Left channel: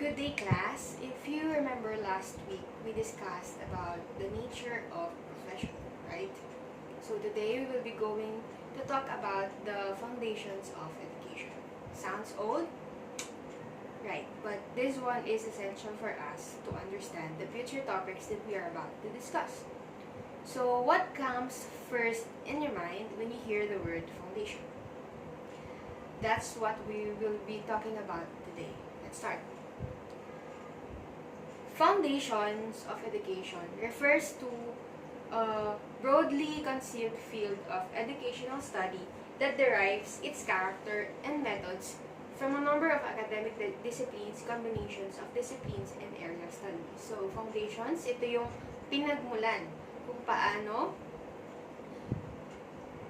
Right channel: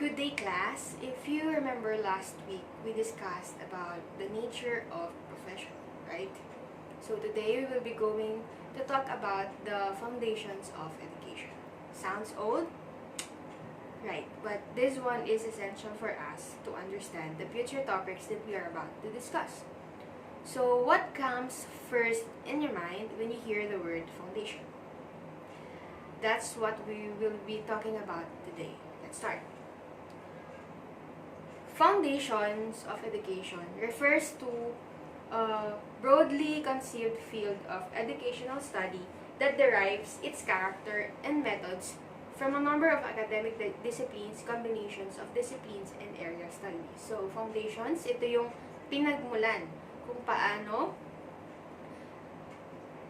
Good day, class. If you remember last week, we discussed about the nature of profession, right? So today we will be going to talk about the foundations of education. Sounds old? Right, but this one is essential for us to understand the future topics that we are about to discuss. So what comes first in your mind when you hear the word foundation? That's what we will be talking about today. Let's start. Foundations of education refers to a broadly conceived field of educational study that derives its character and methods from a number of academic disciplines, combinations of disciplines, and area studies. So, foundations, ito yung pinagmulan kung paano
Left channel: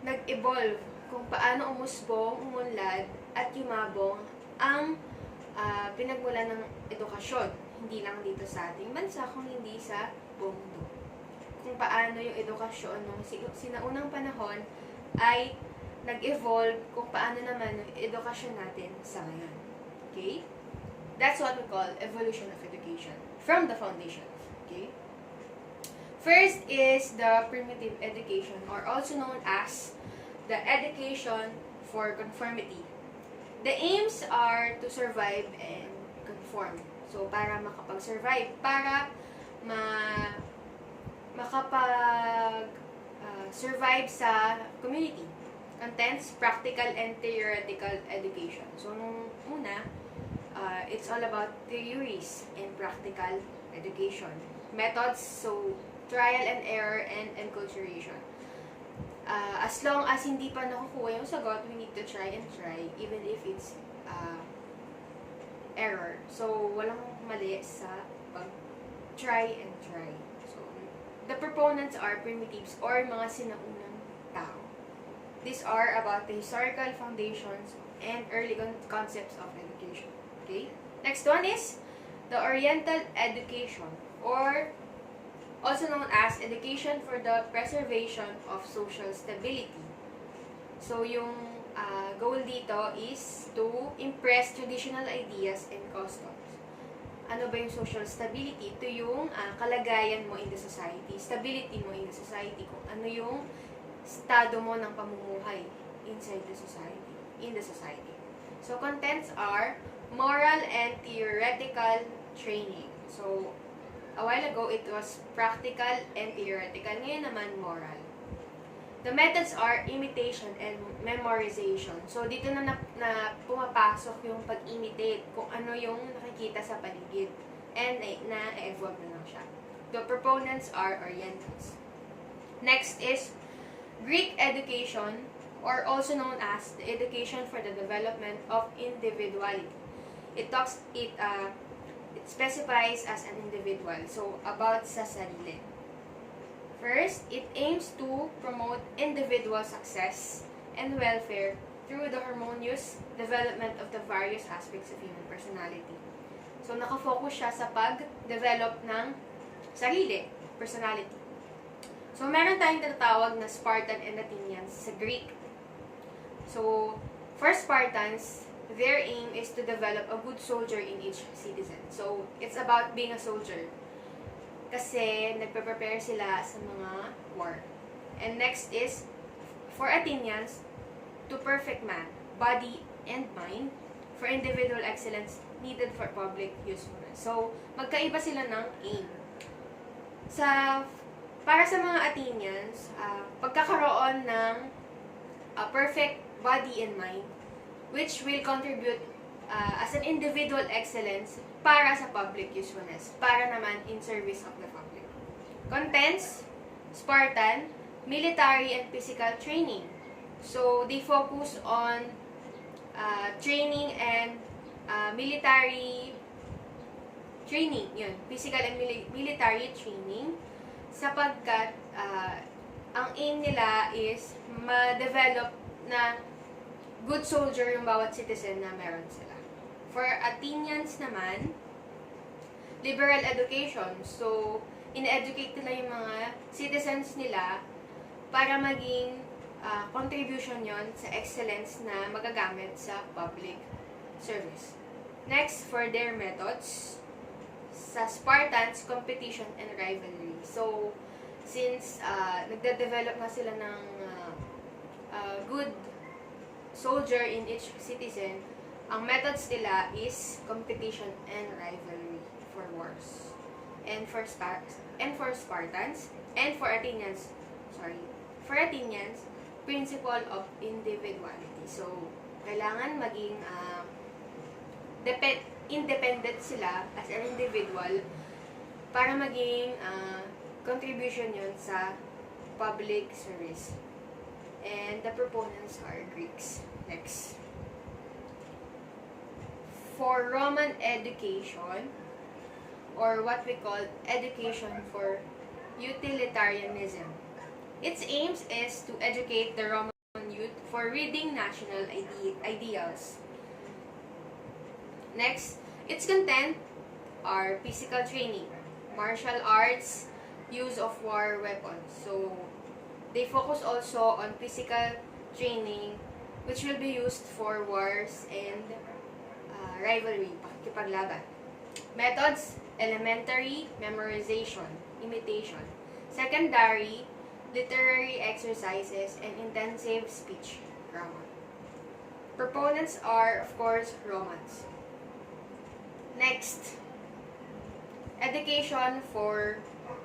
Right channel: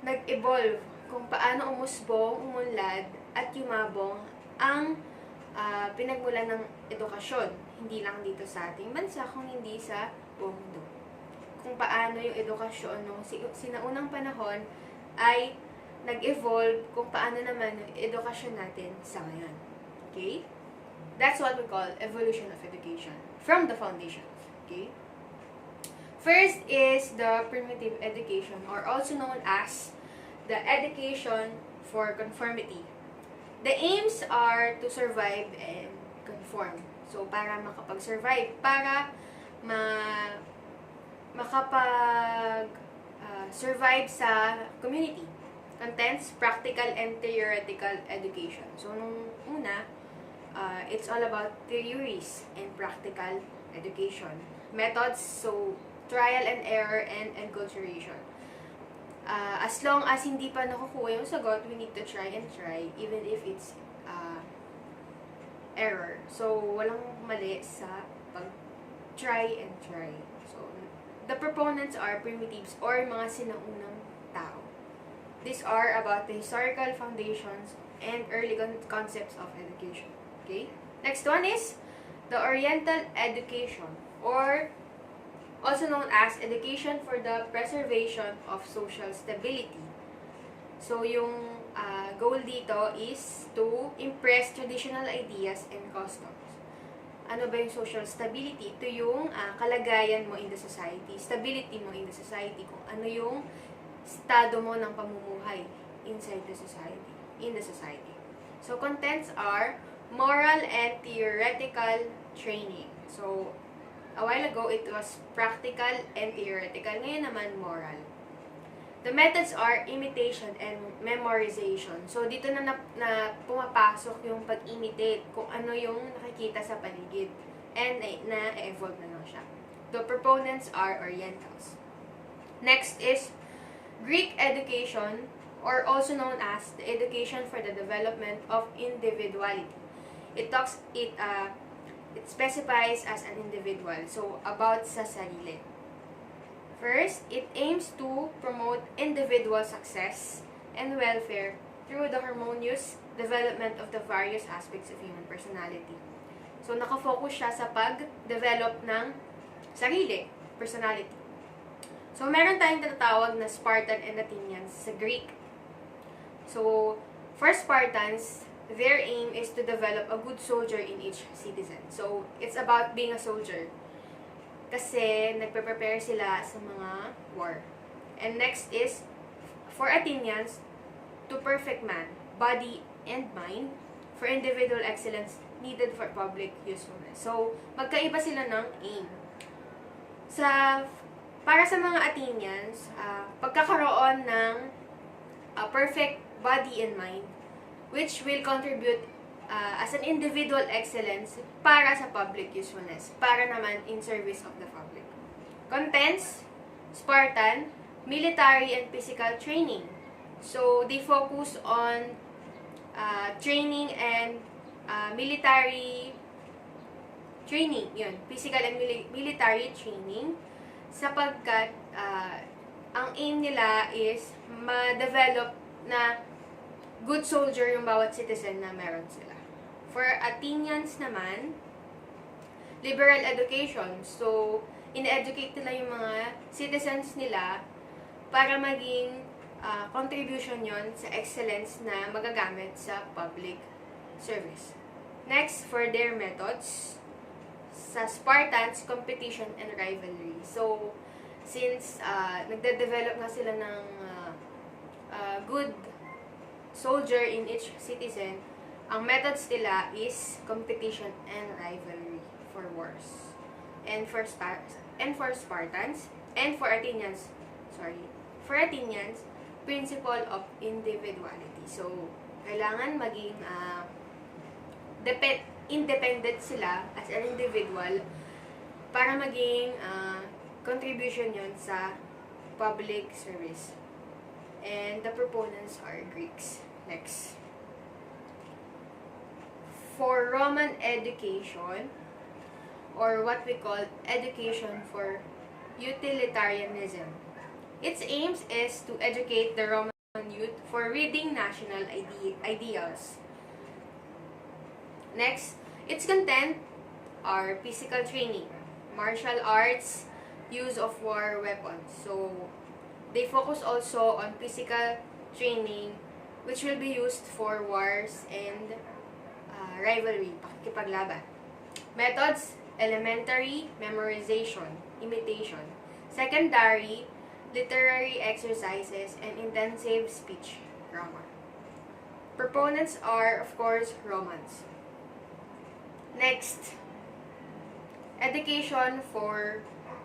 nag-evolve, kung paano umusbong, umunlad, at yumabong ang pinagmulan ng edukasyon. Hindi lang dito sa ating bansa, kung hindi sa buong mundo. Kung paano yung edukasyon nung sinaunang panahon ay nag-evolve, kung paano naman yung edukasyon natin sa ngayon. Okay? That's what we call evolution of education from the foundations. Okay? First is the primitive education, or also known as the education for conformity. The aims are to survive and conform. So, para makapag-survive, para makapag-survive sa community. Contents, practical and theoretical education. So, nung una, it's all about theories and practical education. Methods, so trial and error and enculturation. As long as hindi pa nakukuha yung sagot, we need to try and try, even if it's error. So, walang mali sa pag-try and try. So, the proponents are primitives or mga sinaunang tao. These are about the historical foundations and early concepts of education. Okay? Next one is the Oriental education, or also known as education for the preservation of social stability. So, yung goal dito is to impress traditional ideas and customs. Ano ba yung social stability? Ito yung kalagayan mo in the society, stability mo in the society, kung ano yung estado mo ng pamumuhay inside the society, in the society. So, contents are moral and theoretical training. So, a while ago, it was practical and theoretical. Ngayon naman, moral. The methods are imitation and memorization. So, dito na pumapasok yung pag-imitate kung ano yung nakikita sa paligid. And na-evolve na lang siya. The proponents are Orientals. Next is Greek education, or also known as the education for the development of individuality. It specifies as an individual. So, about sa sarili. First, it aims to promote individual success and welfare through the harmonious development of the various aspects of human personality. So, nakafocus siya sa pag-develop ng sarili, personality. So, meron tayong tinatawag na Spartan and Athenians sa Greek. So, for Spartans, their aim is to develop a good soldier in each citizen. So, it's about being a soldier. Kasi nagpe-prepare sila sa mga war. And next is, for Athenians, to perfect man, body and mind, for individual excellence needed for public usefulness. So, magkaiba sila ng aim. Para sa mga Athenians, pagkakaroon ng perfect body and mind, which will contribute as an individual excellence para sa public usefulness, para naman in service of the public. Contents, Spartan, military and physical training. So, they focus on training and military training, yun, physical and military training, sapagkat ang aim nila is ma-develop na good soldier yung bawat citizen na meron sila. For Athenians naman, liberal education. So, in-educate nila yung mga citizens nila para maging contribution yon sa excellence na magagamit sa public service. Next, for their methods, sa Spartans, competition and rivalry. So, since nagde-develop nga sila ng good soldier in each citizen, ang methods nila is competition and rivalry for wars. And for Spartans, and for Athenians, principle of individuality. So, kailangan maging independent sila as an individual para maging contribution yun sa public service. And the proponents are Greeks. Next. For Roman education, or what we call education for utilitarianism, its aims is to educate the Roman youth for reading national ideals. Next, its content are physical training, martial arts, use of war weapons. So, they focus also on physical training, which will be used for wars and rivalry, pakikipaglaban. Methods, elementary, memorization, imitation. Secondary, literary exercises, and intensive speech grammar. Proponents are, of course, Romans. Next, education for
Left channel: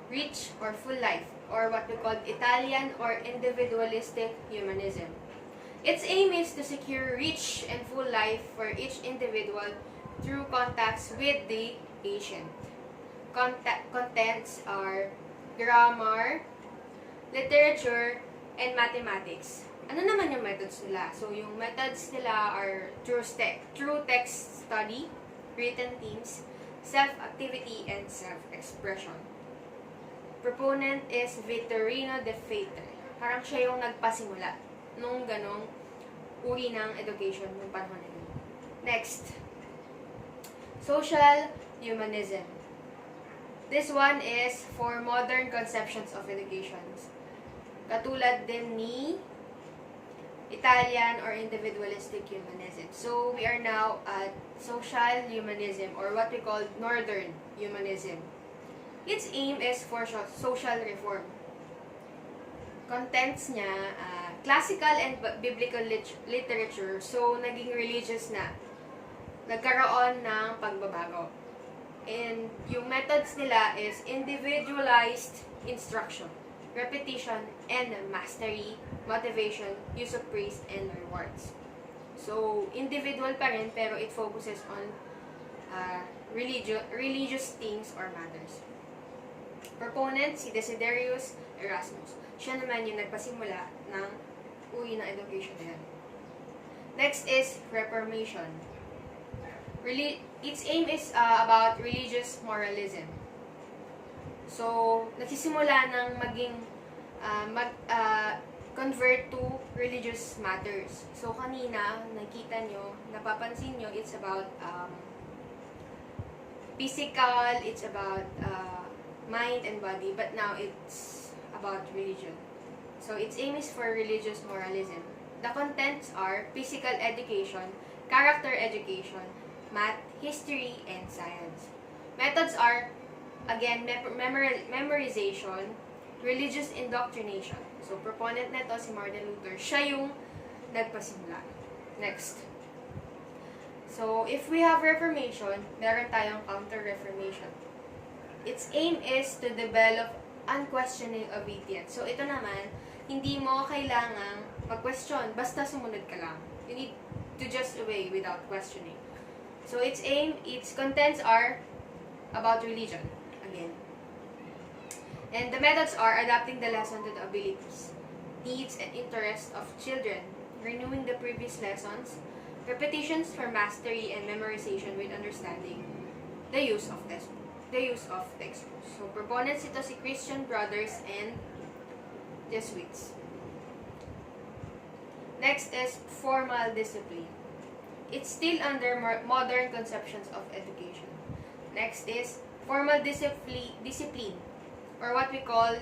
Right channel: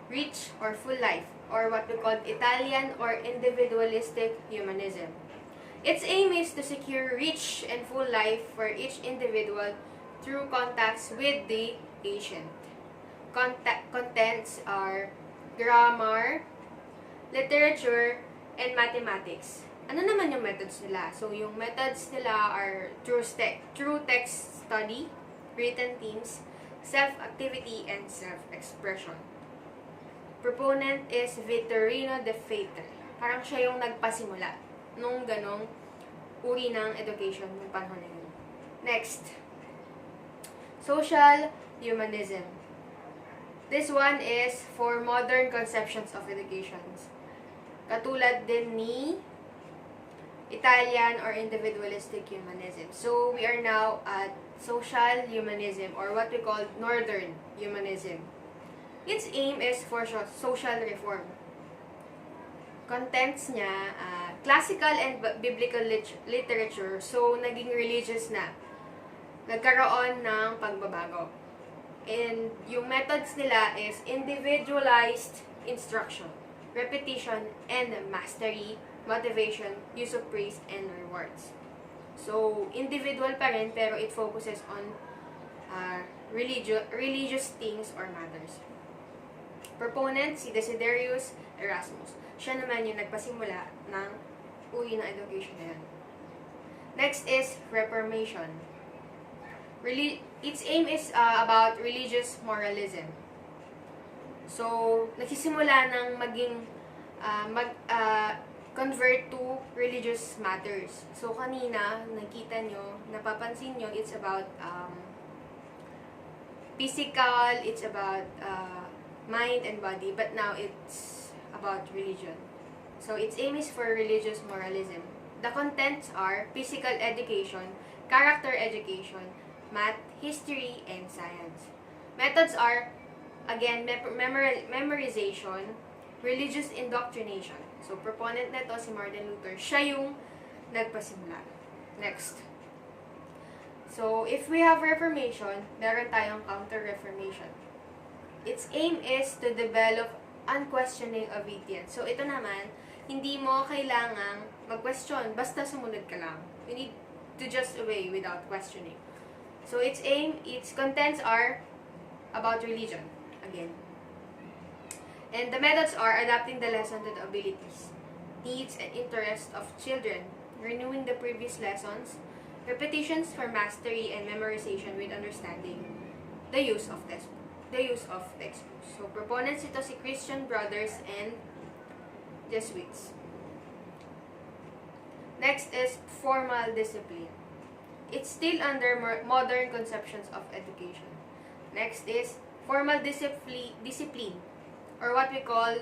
rich or full life, or what we call Italian or individualistic humanism. Its aim is to secure rich and full life for each individual through contacts with the patient. Contents are grammar, literature, and mathematics. Ano naman yung methods nila? So, yung methods nila are true text study, written themes, self-activity, and self-expression. Proponent is Vittorino de Fate. Parang siya yung nagpasimula nung ganong uri ng education ng panahon na yun. Next, social humanism. This one is for modern conceptions of education. Katulad din ni Italian or individualistic humanism. So, we are now at social humanism, or what we call northern humanism. Its aim is for social reform. Contents niya, classical and biblical literature, so naging religious na. Nagkaroon ng pagbabago. And yung methods nila is individualized instruction, repetition, and mastery, motivation, use of praise, and rewards. So, individual pa rin, pero it focuses on religious things or matters. Proponent, si Desiderius Erasmus. Siya naman yung nagpasimula ng uri ng education na yan. Next is Reformation. Its aim is about religious moralism. So, nagsisimula ng maging convert to religious matters. So, kanina, nakita nyo, napapansin nyo, it's about physical, it's about mind and body, but now it's about religion. So, its aim is for religious moralism. The contents are physical education, character education, math, history, and science. Methods are, again, memorization, religious indoctrination. So, proponent nito si Martin Luther. Siya yung nagpasimula. Next. So, if we have Reformation, meron tayong Counter-Reformation. Its aim is to develop unquestioning obedience. So, ito naman, hindi mo kailangang mag-question, basta sumunod ka lang. You need to just obey without questioning. So, its contents are about religion, again. And the methods are adapting the lesson to the abilities, needs, and interests of children, renewing the previous lessons, repetitions for mastery and memorization with understanding, the use of textbooks. So, proponents ito si Christian Brothers and Jesuits. Next is formal discipline. It's still under modern conceptions of education. Next is formal discipline, or what we call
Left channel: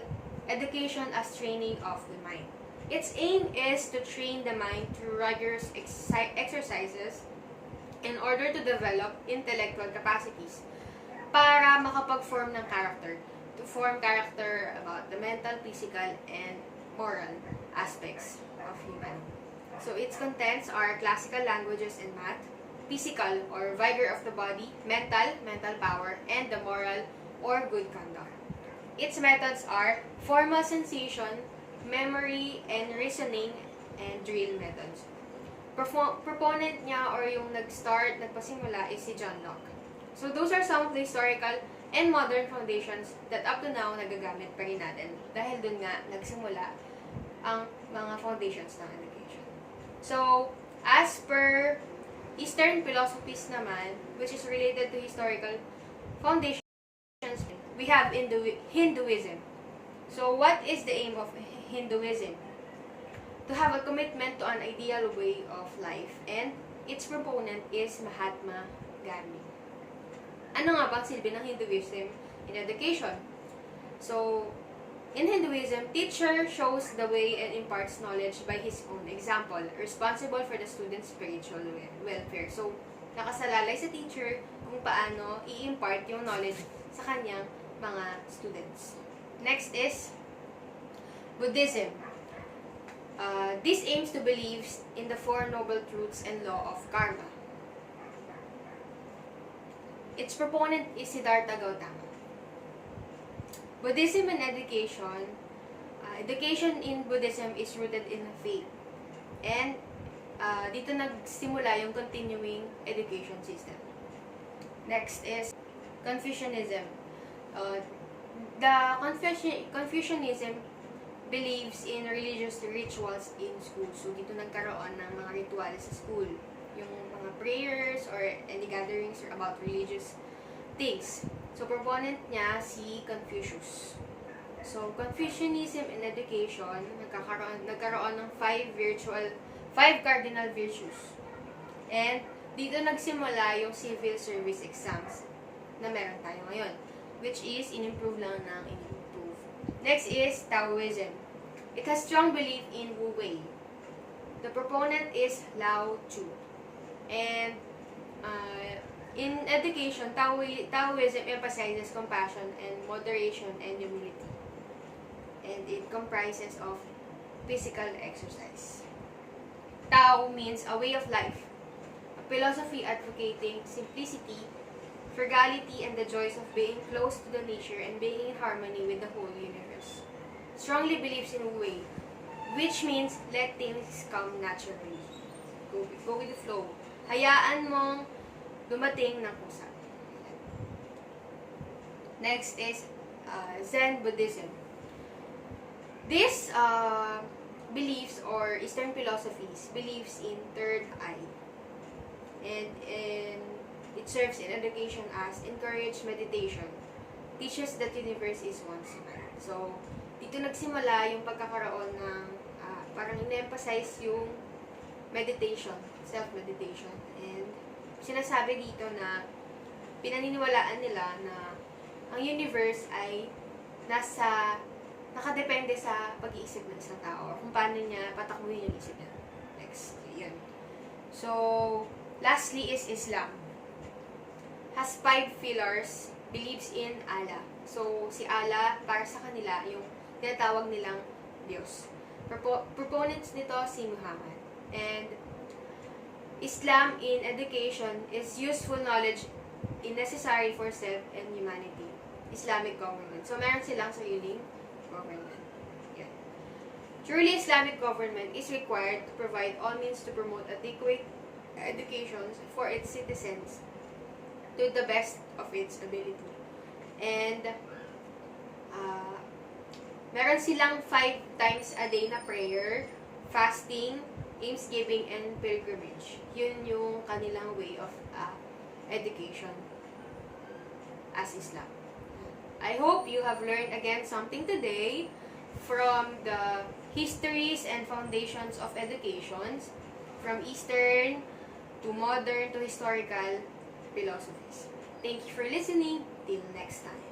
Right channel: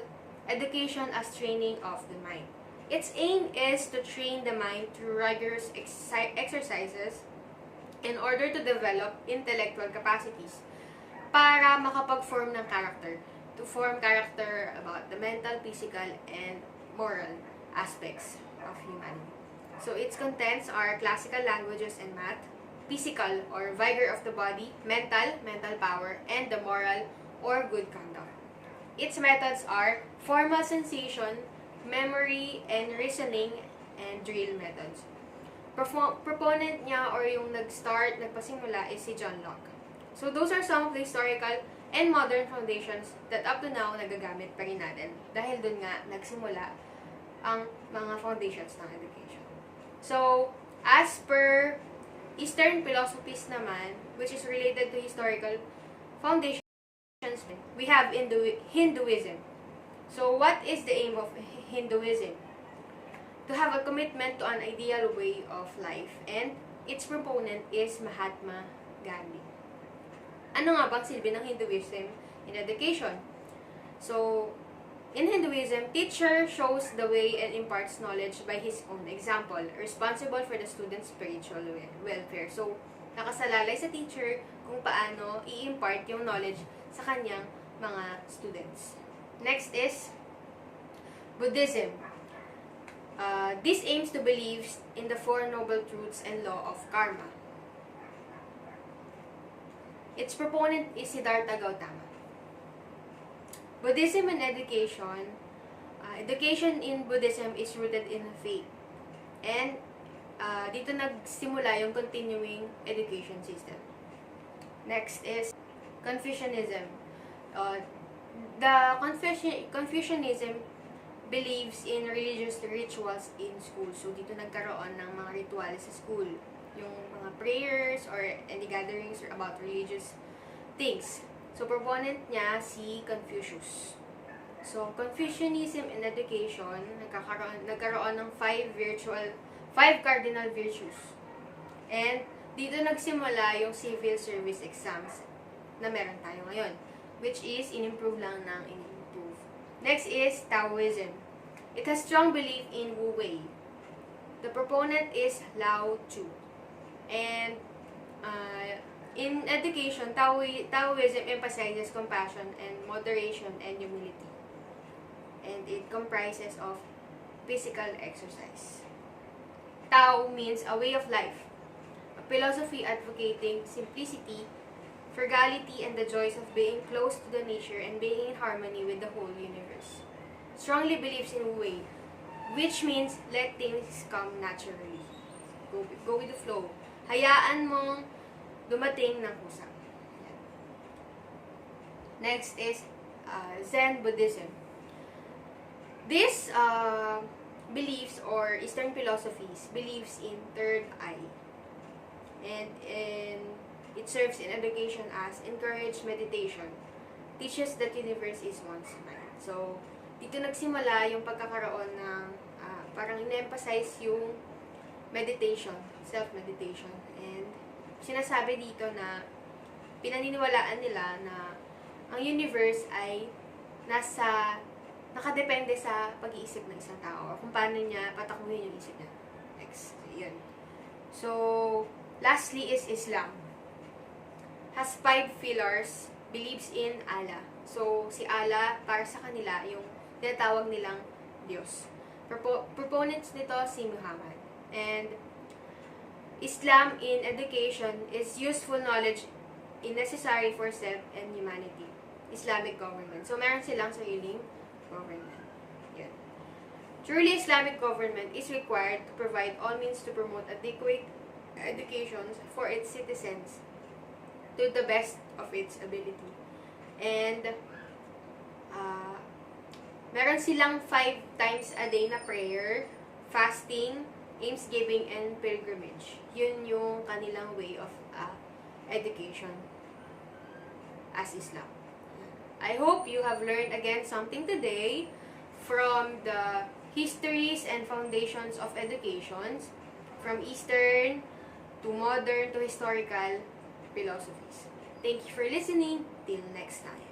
education as training of the mind. Its aim is to train the mind through rigorous exercises in order to develop intellectual capacities para makapag-form ng character. To form character about the mental, physical, and moral aspects of humanity. So its contents are classical languages and math, physical or vigor of the body, mental power, and the moral or good conduct. Its methods are formal sensation, memory, and reasoning, and drill methods. Proponent niya or yung nagpasimula is si John Locke. So those are some of the historical and modern foundations that up to now nagagamit pa rin natin dahil dun nga nagsimula ang mga foundations ng education. So, as per Eastern philosophies naman, which is related to historical foundations, we have Hinduism. So, what is the aim of Hinduism? To have a commitment to an ideal way of life, and its proponent is Mahatma Gandhi. Ano nga bang silbi ng Hinduism in education? So, in Hinduism, teacher shows the way and imparts knowledge by his own example, responsible for the student's spiritual welfare. So, nakasalalay sa teacher kung paano i-impart yung knowledge sa kanyang mga students. Next is Buddhism. This aims to believe in the Four Noble Truths and law of karma. Its proponent is Siddhartha Gautama. Buddhism and education. Education in Buddhism is rooted in faith. And dito nagsimula yung continuing education system. Next is Confucianism. The Confucianism believes in religious rituals in school. So, dito nagkaroon ng mga rituals sa school. Yung mga prayers or any gatherings about religious things. So, proponent niya si Confucius. So, Confucianism in education, nagkaroon ng five cardinal virtues. And, dito nagsimula yung civil service exams na meron tayo ngayon, which is in-improve lang ng in-improve. Next is Taoism. It has strong belief in Wu Wei. The proponent is Lao Tzu. And in education, Taoism emphasizes compassion and moderation and humility. And it comprises of physical exercise. Tao means a way of life, a philosophy advocating simplicity, frugality, and the joys of being close to the nature and being in harmony with the whole universe. Strongly believes in Wu Wei, which means let things come naturally. Go with the flow. Hayaan mong dumating ng kusa. Next is Zen Buddhism. This beliefs or Eastern philosophies believes in third eye. And it serves in education as encourage meditation. Teaches that universe is one's mind. So, dito nagsimula yung pagkakaroon ng parang in-emphasize yung meditation, self-meditation. And sinasabi dito na pinaniniwalaan nila na ang universe ay nakadepende sa pag-iisip ng isang tao or kung paano niya patakuhin yung isip niya. Next, yan. So, lastly is Islam. Has 5 pillars, believes in Allah. So, si Allah, para sa kanila, yung tinatawag nilang Diyos. Proponents nito si Muhammad. And Islam in education is useful knowledge necessary for self and humanity. Islamic government. So, meron silang sariling government. Yan. Truly Islamic government is required to provide all means to promote adequate education for its citizens to the best of its ability. And meron silang 5 times a day na prayer, fasting, almsgiving, and pilgrimage. Yun yung kanilang way of education as Islam. I hope you have learned again something today from the histories and foundations of educations, from Eastern to modern to historical philosophies. Thank you for listening. Till next time.